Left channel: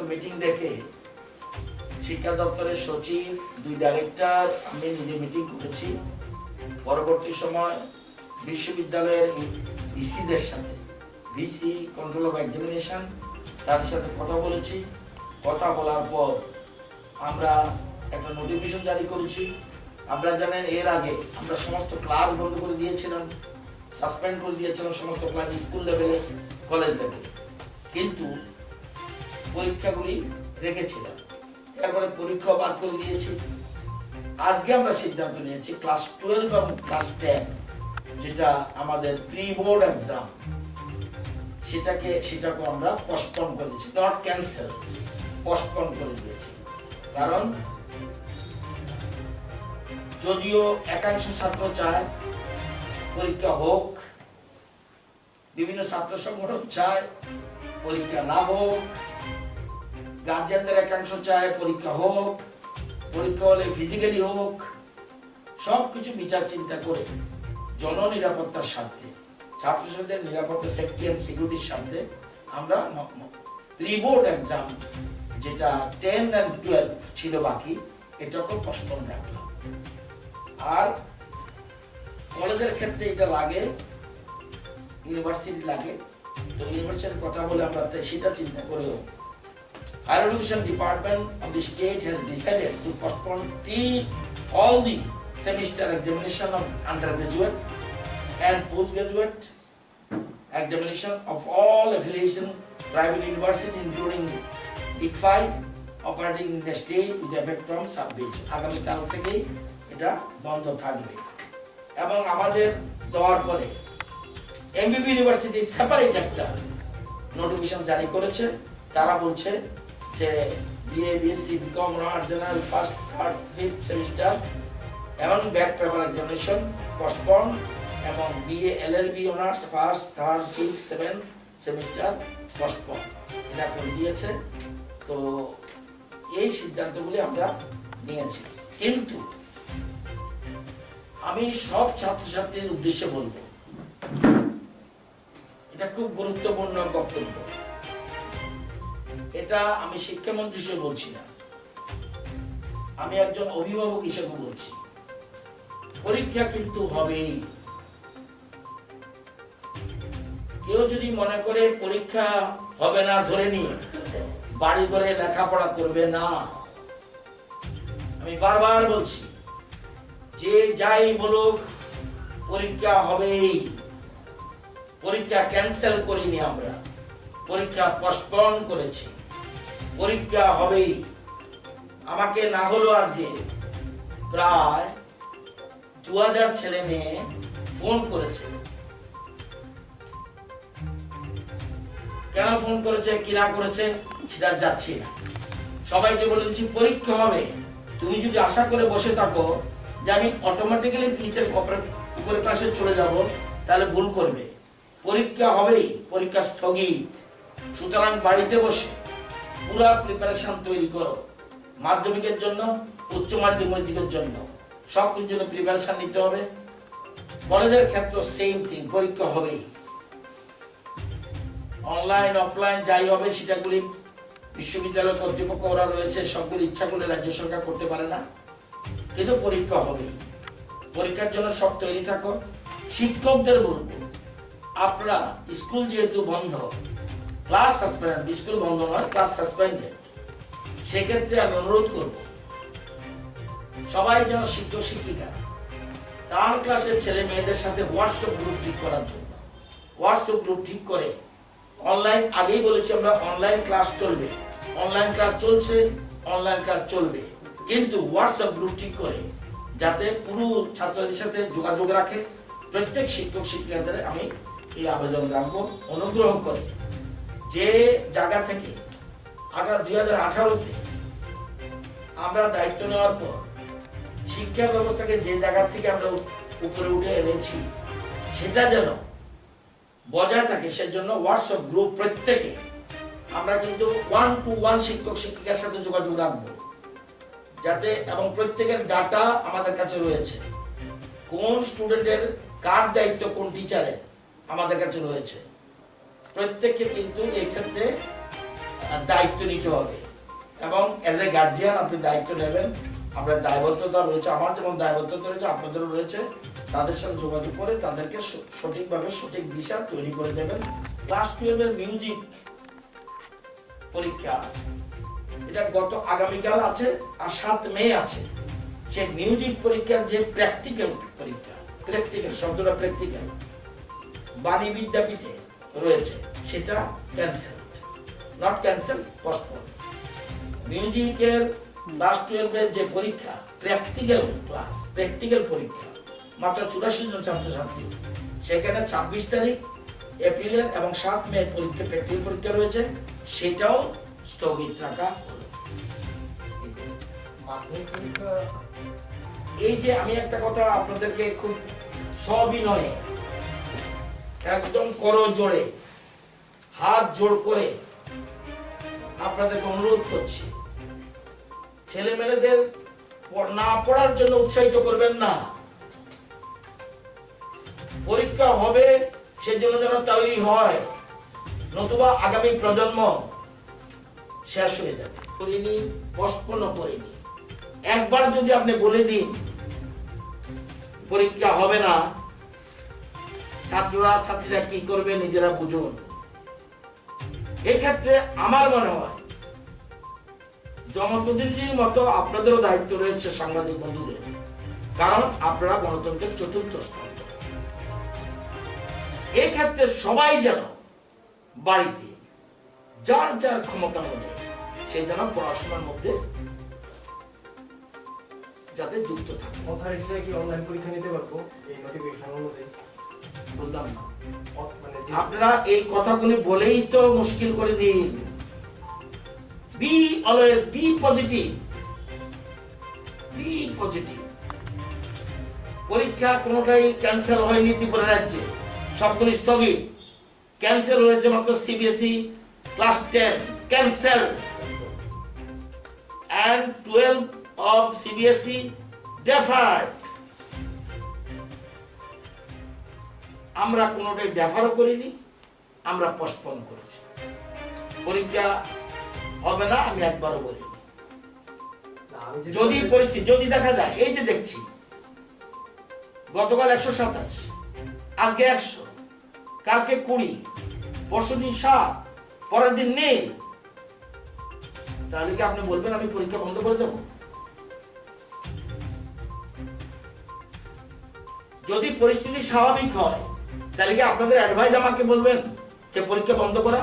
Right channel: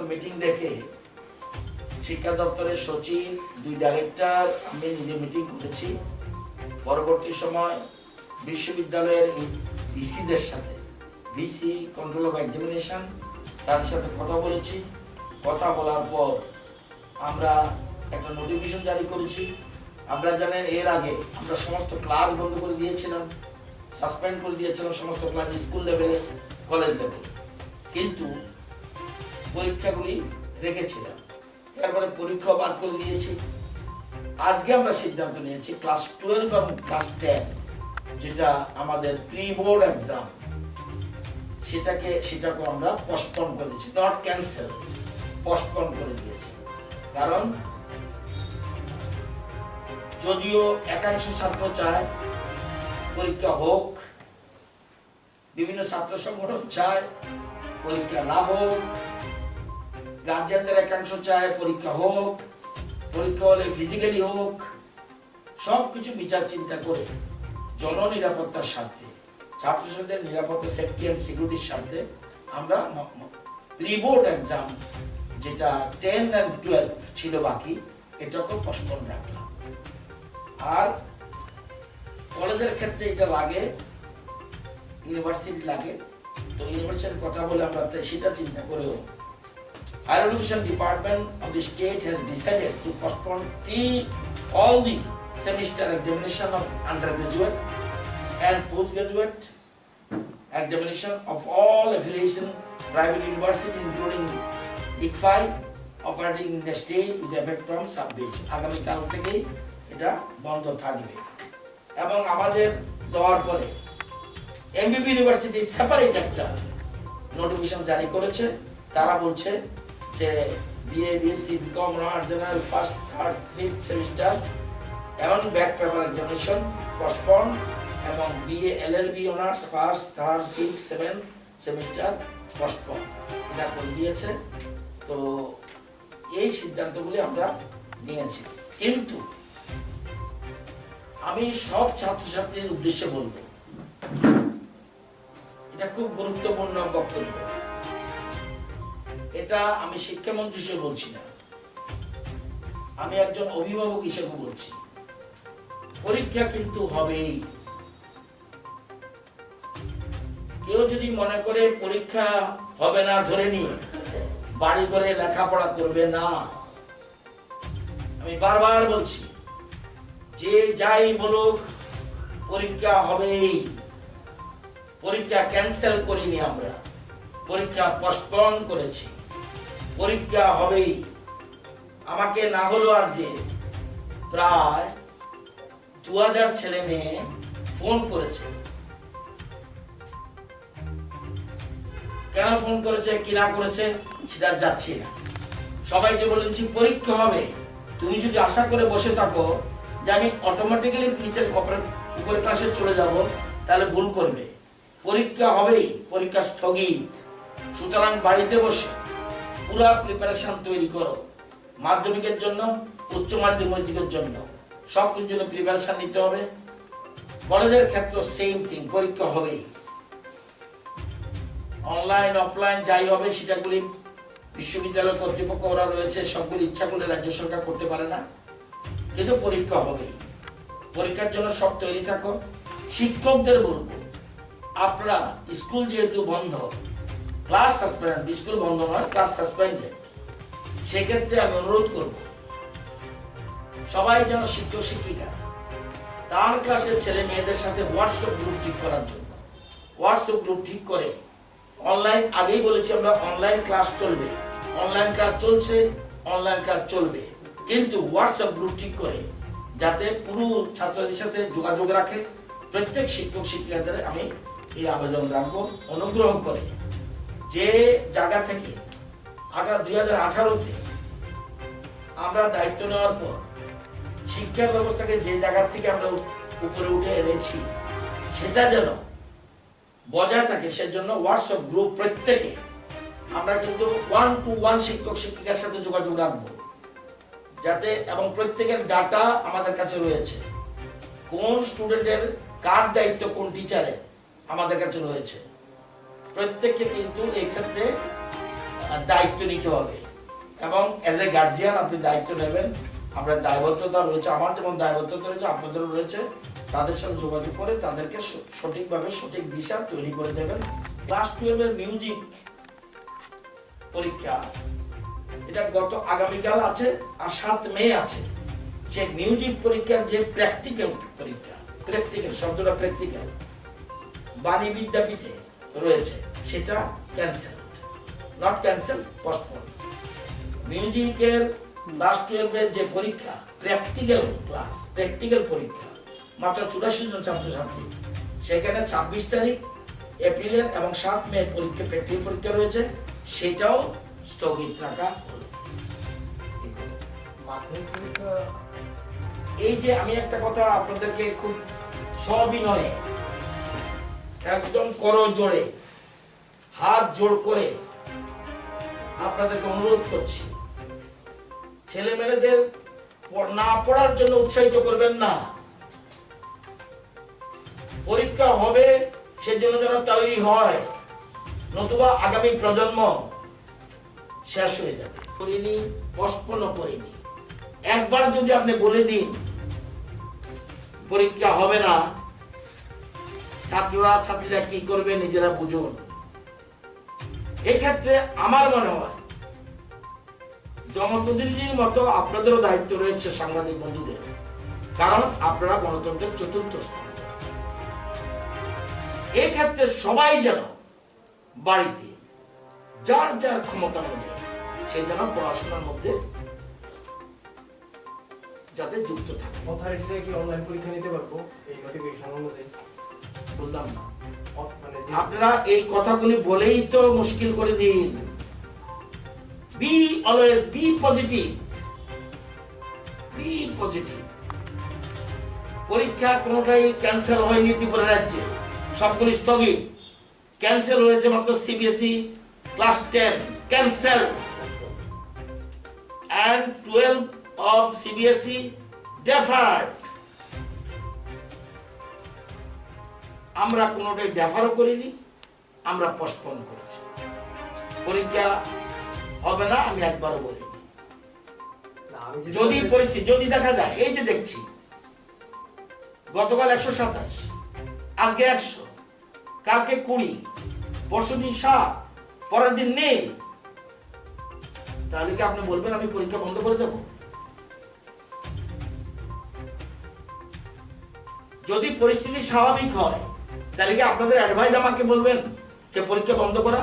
দপ্তর মিটিং ডেকে শিক্ষা দপ্তরের সচিব, 2 ডাইরেক্টর, আমি নিজে মিটিং করেছি। পরবর্তী সময় বিশ্ববিদ্যালয়ের ভিসিদের সাথে, ভিসি কন্ট্রোল অফ এক্সামিনেশন, তাদের সাথে কথা বলেছি। কথা বলার পর আমরা একটা নোটিফিকেশন জারি করেছি। আপনারা জানেন এর আগে আমরা সমস্ত ক্লাস বন্ধ করে দিয়েছিলাম, সাসপেন্ড করে দিয়েছিলাম সমস্ত ক্লাস, স্কুল লেভেলে, কলেজ লেভেলে, কিন্তু পরীক্ষাগুলি রেখেছিলাম। এরপরে পরীক্ষা বাদ করে দিয়েছি। আজকে আমরা সিদ্ধান্ত নিয়েছি ক্লাস 12 এবং ক্লাস 10 যেটা আমাদের প্রি বোর্ড এক্সাম, সেটাকে আমরা পোস্টপোন করে দিয়েছি, নট ক্যান্সেল, পোস্টপোন করে দিয়েছি। কারণ যদিও একাংশ ছাত্র চায় পরীক্ষা হোক, বিভিন্ন ছাত্র সংগঠন চায় পরীক্ষা না হোক, গার্জিয়ানদের একাংশ চায় পরীক্ষা হোক, পরীক্ষা হলে ফিজিক্যালি হোক, সবকিছু বিচার চিন্তা করে জননিরাপত্তার স্বার্থে, ছাত্রছাত্রীদের নিরাপত্তা, সেফটি অ্যান্ড সিকিউরিটির স্বার্থে আমরা প্রি বোর্ড এক্সাম যেটা 10 and 12 ছিল বাকি, এটাকেও পোস্টপোন রাখলাম। আর কলেজের ক্ষেত্রে এটা লাগে, ইউনিভার্সিটি লাগে, তো ইউনিভার্সিটির কথা বলে আমরা সেটা চিন্তা করেও Higher Education Department of the state has decided to postpone all the semester examination of undergraduate and postgraduate examination of all affiliation private university including ICFI operating in the state with effect from 26 আগামী কাল থেকে এটা বন্ধ থাকবে। এবং আমাদের দেওয়ার পরে এমবিবি ইউনিভার্সিটি সেপারেট একটা নোটিফিকেশন জারি করেছে। তারা বলছে যে BA, BSc, BCom, honours, general first, third, fifth semester এবং ব্যাক পেপার এক্সামিনেশন পোস্টপোন, এবং BA, LLB, honours first, third, fifth, seventh semester postpone, এটা করে দিয়েছে। তো এই সিদ্ধান্তগুলি আমরা নিয়েছি। কিন্তু আমি সব ছাত্রছাত্রীর উদ্দেশ্যে বলবো, এটা খুব গুরুত্বপূর্ণ বক্তব্য। এটা আমি শিক্ষামন্ত্রী হিসেবে বলছি না, আমি একজন অভিভাবক হিসেবে বলছি। পরীক্ষা কিন্তু হবেই। কেউ যদি মনে করে পরীক্ষা হবে না ধরে নিয়ে বাড়ি ঘরে লেখাপড়া করবে না, আমি বারবার বলছি, যে যাই বলুক পরীক্ষা হবেই। পরীক্ষা ক্যান্সেল করিনি আমরা, পরীক্ষা পোস্টপোন করেছি, পরীক্ষা হবেই। আমাকে না হলো আজকে প্রায় 2000 ছেলে মেয়ে ফোন করেছে। কেন ফোন করেছে, কি না করেছে সেটা যাচ্ছি না। সবাইকে বলেছি পরীক্ষা হবে, তুমি যদি আশা করে বসে থাকো যে আমি অটোমেটিক্যালি নিচের উপরে ক্লাসে চলে যাব, তাহলে ভুল করবে। পরীক্ষা হবেই, পরীক্ষা স্থগিত। সুতরাং বাড়িতে বসে পুরো প্রিপারেশন তৈরি করো, মাধ্যমিকের জন্য, উচ্চ মাধ্যমিকের জন্য, সবকিছুর জন্য প্রিপারেশন নিতে হবে। কলেজের ক্ষেত্রে সেম থিং, পরীক্ষা হবেই। অনলাইন অফলাইন যাই হবে সেটাগুলি বিশ্ববিদ্যালয় কর্তৃপক্ষ ওরা রয়েছে, সবগুলি ইচ্ছা করলে রাজ্য সরকার করতে পারে না, কিন্তু পরীক্ষা হবেই। পরীক্ষার জন্য সব তৈরি থাকো। শিক্ষকদের বলবো, আপনারা স্কুল যেহেতু বন্ধ, ক্লাস সাসপেন্ড, স্কুল বন্ধ নয়, ক্লাস সাসপেন্ডেড, সেক্ষেত্রে আমি অনুরোধ করব সবাই যেন শিক্ষক শিক্ষিকা তার ক্লাসের ছেলে মেয়েদের সাথে হোয়াটসঅ্যাপ গ্রুপ ঠিক করার জন্য, হোয়াটসঅ্যাপ গ্রুপ ঠিক করে অনলাইন, আগেই বলেছি আমরা অনলাইন ক্লাস চলবে, অনলাইন ক্লাস চলছে, অনলাইন ক্লাস চলবে, কিন্তু হোয়াটসঅ্যাপ গ্রুপ ঠিক করে যাতে পুরো ছাত্রদের সাথে যোগাযোগ রাখে। প্রত্যেক শিক্ষক শিক্ষিকাদের আমি এই আবেদন রাখবো, অনুগ্রহ করে যে জায়গা থেকে 2018-তে আমরা দায়িত্ব নেওয়ার পর শিক্ষা ব্যবস্থাকে যে জায়গা থেকে আমরা উপরে উঠে এনেছি সেটা যেন বজায় থাকে, সেজন্য হোয়াটসঅ্যাপ গ্রুপ প্রত্যেকে আমরা কিন্তু 1-to-1 শিক্ষক শিক্ষিকার সাথে যোগাযোগ রাখবো যাতে, এবং প্রত্যেকের ডাটা আমাদের কাছে রয়েছে, কোন স্টুডেন্টের কার দায়িত্ব, কোন টিচারের আমাদের কাছে রয়েছে। প্রত্যেককে কিন্তু এই ক্ষেত্রে দায়িত্ব নিতে হবে এবং এজ এ গার্জিয়ান আপনি দায়িত্ব নেবেন। আপনার দায়বদ্ধতা রয়েছে, আমার যেমন দায়বদ্ধতা রয়েছে আপনাদেরও রয়েছে। তাদের সাথে যোগাযোগ করে তাদেরকে সঠিকভাবে সঠিক দিশা তৈরি করে দেবেন। ক্লাস 12 এর মিউজিক পরীক্ষা এটা গত আগামীকাল আছে আর 7 মে আছে। সে মিউজিক পরীক্ষার যে প্র্যাকটিক্যাল পরীক্ষা, প্র্যাকটিক্যাল শব্দটা প্র্যাকটিক্যাল বাণী বিদ্যাপীঠে রয়েছে, সেটা ক্যান্সেল, নট ক্যান্সেল, পোস্টপোন। মিউজিকের ক্লাস 12 এর যে পরীক্ষা প্র্যাকটিক্যাল ক্লাস, প্র্যাকটিক্যাল পরীক্ষা মাত্র 84 জন ছাত্রছাত্রী, সেখানে 26 তারিখ এপ্রিলের এবং 7 মে পরীক্ষা, প্র্যাকটিক্যাল পরীক্ষা রয়েছে, সেটাও স্থগিত রাখা হলো। এই যে আমি একটা কথা আপনাদেরকে খুব সবিনয়ে একদম করজোড়ে হাত জোড় করে আপনাদেরকে অনুরোধ করছি, ছেলে মেয়েদের না পড়ার জন্য উৎসাহিত করবেন না। পরীক্ষা হবে সেজন্য যেন তৈরি হয়, নতুবা আগামী প্রজন্ম শেষ হয়ে যাবে। করিনি, পোস্টপোন করিনি। একবার যদি আপনি বলে দিন পরীক্ষা হবে না, ছাত্রীরা কি করবে নিজেরা বুঝুন। এক্ষেত্রে আমার মনে হয় জনপ্রতিনিধির মতো আপনাদেরও দায়িত্ব রয়েছে সাংবাদিক বন্ধুদের, কারণ আপনারা গণতন্ত্রের চতুর্থ স্তম্ভ। এক্ষেত্রে সবাই যেন বাড়িতে যার যার ক্ষমতা অনুযায়ী সেই যেন পড়াশোনার মধ্যে যাতে যুক্ত থাকে। অথরিটিরা কি অনলাইন পরীক্ষা নিতে পারবো এই নোটিফিকেশন অনুযায়ী? বললাম না, মানে আপনারা এই কথাগুলি বলেই তো মুশকিল করে দিন। Be always be positive, be positive. পরীক্ষা কোনোটাই ক্যান্সেল হয়নি ত্রিপুরা রাজ্যে, সবগুলি স্থগিত। ক্যান্সেল হয়েছে মাত্র CBSE class 10 cancel, and 12 of CBSE deferred. আমরা কোনোটাই ডেফারও করিনি, আমরা পোস্টপোন করেছি। পরীক্ষা হবে না আমি একবারও বলিনি। যদি পরিস্থিতি যদি দেখা যায়, এই যে দেখছি গতকাল 127, আজকে 100, কালকে 20, পরশুদিন 7, পরের দিন নেই, তাহলে কি আপনি বলবেন আমি পরীক্ষা বন্ধ করে দেব? যদি পরিস্থিতি স্বাভাবিক হয় তাহলে কি আপনাদের অ্যাডভাইস আমাকে বলবেন যে পরীক্ষা বন্ধ করা?